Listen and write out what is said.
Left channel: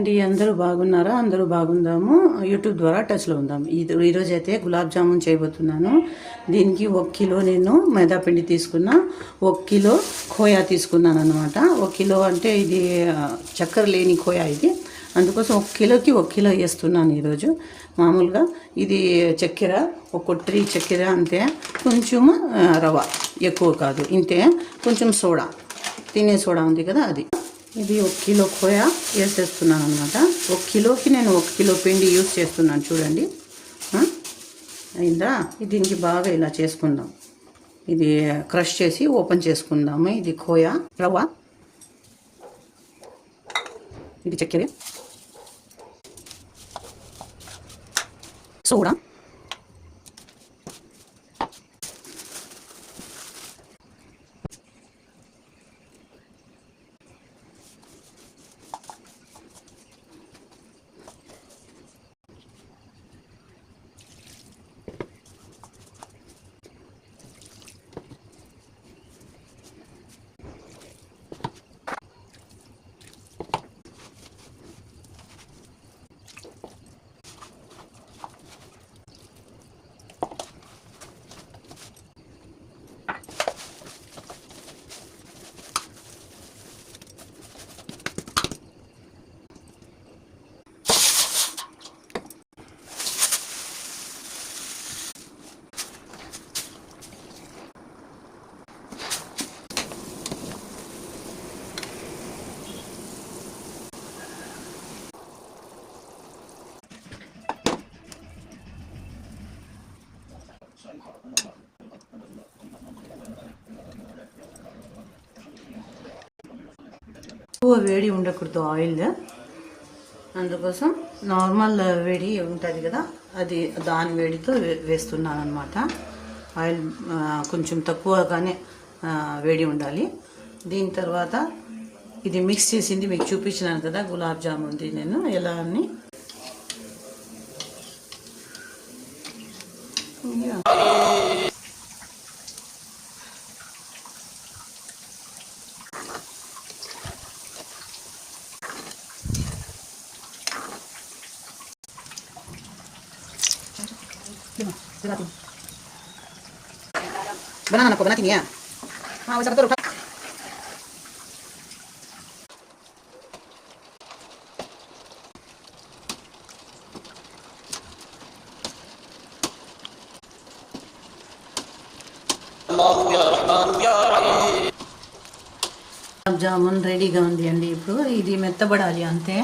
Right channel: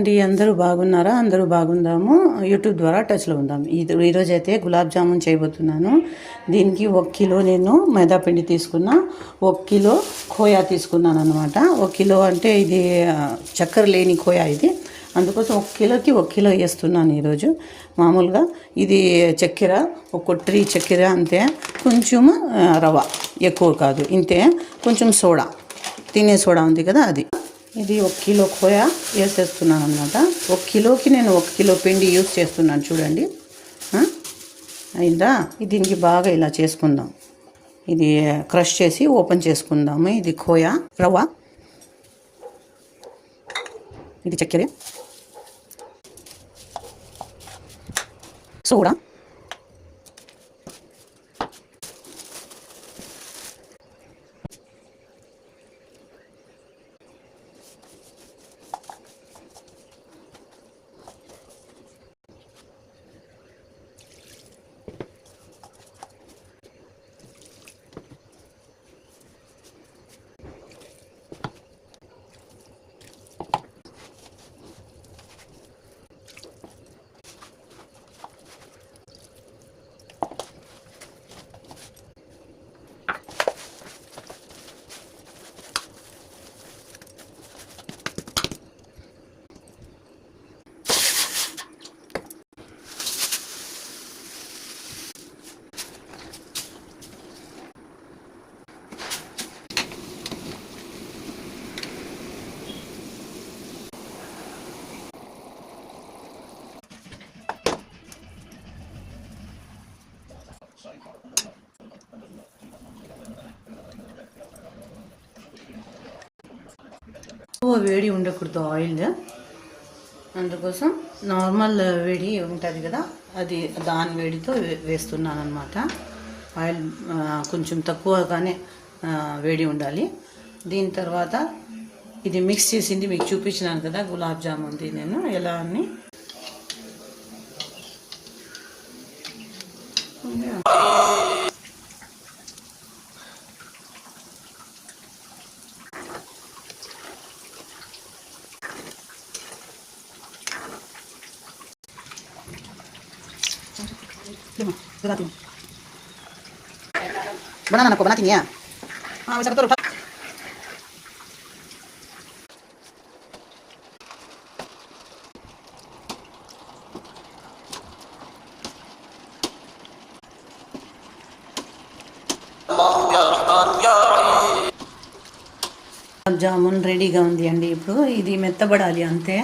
అండి, అందరూ బాగున్నారా? అందరూ బాగుందాము. యూట్యూబ్ ద్వారా టచ్లో ఉందాము. ఈరోజు అయితే గులాబ్ జామున్ చేయబోతున్నాను. దీనికి 1 కిలో నేను మైదా పిండి తీసుకున్నా, 1 కిలో ఖోయా తీసుకున్నాను అనమాట. 1 కిలో అంటే ఇది చక్కెర లేని ఖోయా ఇది, అందుకోసం 1 కిలోకి 1 కిలో వేస్తున్నాను ఈరోజు. మామూలుగా ఇది చక్కెర 1 ట్రీ చక్కెర అంతే, కొంచెం రవ్వ ఎక్కువ కాదు ఇంతే, కొంచెం సోడా, తినే సోడా ఉంది కదా అది. ఇది 1 కిలో ఖోయా వేసేస్తున్నాను అనమాట. 1 కిలోకి నేను 1 కిలో పిండి యూస్ చేస్తున్నాను చూడండి. అయిందా? దీనికి బాగా ఇలా చేసుకుందాం. ఇది క్రష్ చేసి ఓపెన్ చేసుకుందాము. ఇది ఖోయా రవ్వ, ఇది చక్కెర, సోడా, ఎక్కువ వేడి ఉండకూడదు ఆయిల్, అందుకోసం నార్మల్ వేడి ఉంటుంది కదా, అది దాని వేడితో వేస్తున్నాను అనమాట. ఆయిల్ కొంచెం తక్కువగానే వేడి ఉండాలి. దీని తర్వాత ఇది మిక్స్ చేసింది మీకు చూపించినాను కదా గులాబ్ జామున్ది నేను ఎలా అని. Banana ko, banatin niya. Wisa ka to, rutak. Allahu ya Rahmanu ya Rahim. Gulab jamun రెడీగా ఉంది అండి. ఇప్పుడు ఇది మెత్తబడాలి అంతే.